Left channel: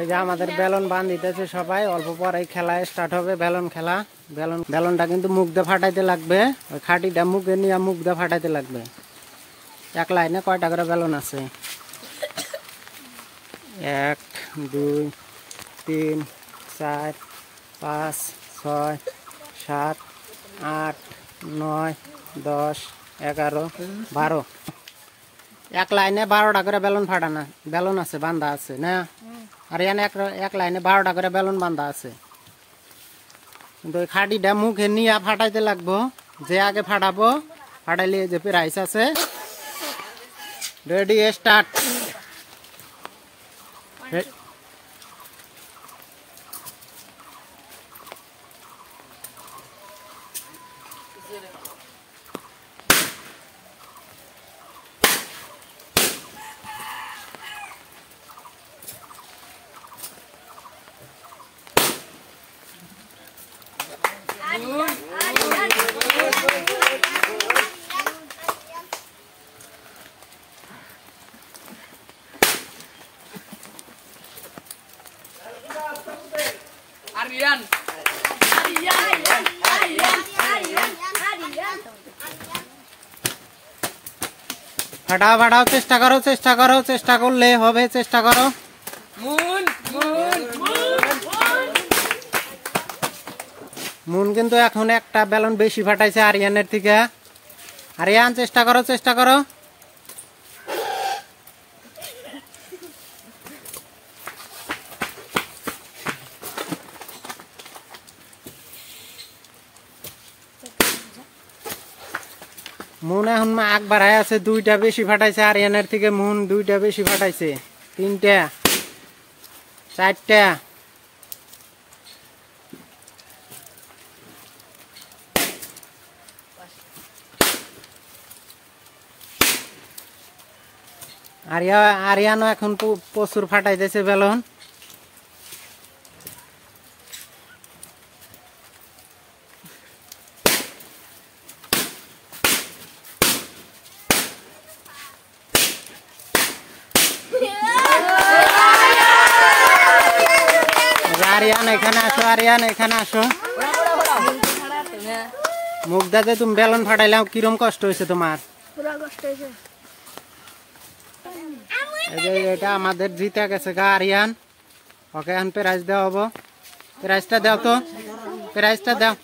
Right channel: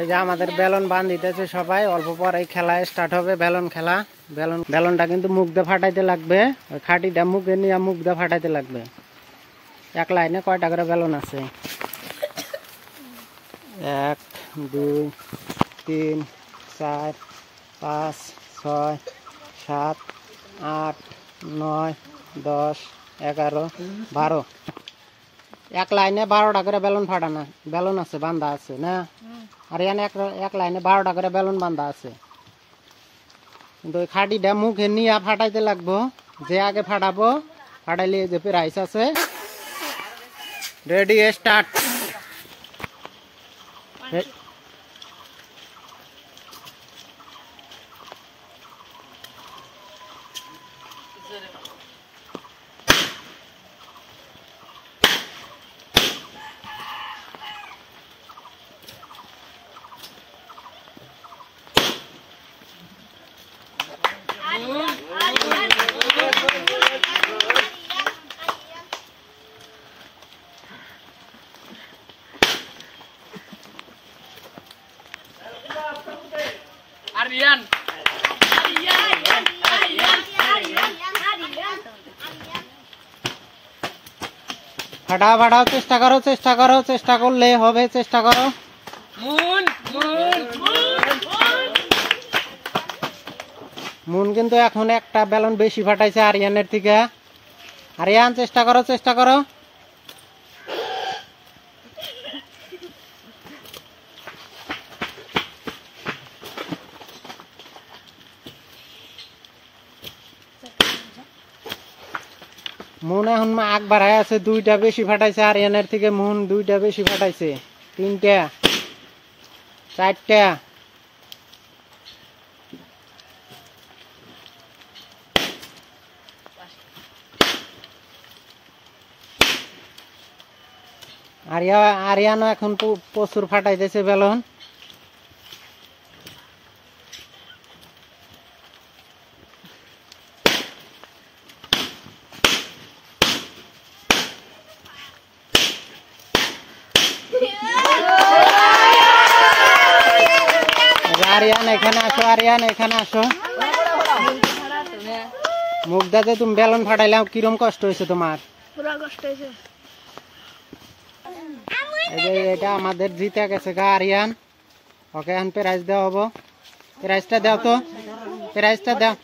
এই যে আমাদের বেলুন বান দিতেছে সবাই, অল্প পরে খেলা স্টার্ট হবে। বেলুন খেলা, বেলুনটা কিন্তু মুখ দিয়ে ফাটাইতে লাগবে। ওই খাটিটা মুখে নিয়ে মুখ দিয়ে ফাটাইতে লাগবে। এক লাইনে কয়টা করে বেলুন আছে? 1 2 3 4 5 6 7 8 9 10 11 12। এক লাইনে 12টা করে বেলুন ফাটানো বেলুন আছে, বান্ধা আছে না? আর এখানে এক লাইনে 12টা করে বেলুন বান্ধা আছে। কিন্তু ওই খাটিটা মুখে নিয়ে ফাটাইতে লাগবো। যে আগে ফাটাবো, ফাটাইলে যে প্রাইস আছে। Ready, start. ফাটাও ফাটাও, চেষ্টা করো, চেষ্টা করো, চেষ্টা করলে হবে, চেষ্টা করো। মুন কিন্তু এখন একটা বেলুন বেশি ফাটাইছে আরিয়ানের থেকে। আরিয়ান চেষ্টা করো, চেষ্টা করো। মুন এখন আগ বাড়ায় আছে, 2টা বেশি ফাটাইছে আরিয়ানের থেকে। মুন 2টা বেশি ফাটাইছে, 3টা 4টা। আরিয়ানও এখন প্রচুর ফাটাইতেছে বেলুন। আরিয়ান এখানে আসো, আরিয়ান এখানে আসো। মুখ দাতে তুমি বেলুন ফাটাইলাম, কিরম কষ্ট হয়েছে তোমার? পুরো কষ্ট হয়েছে। এটা আমাদের জিতে গেছে গা আরিয়ান। ওকে এখন প্রাইজ দেওয়া হবো। প্রাইজটা দাও তো, প্রাইজটা দাও।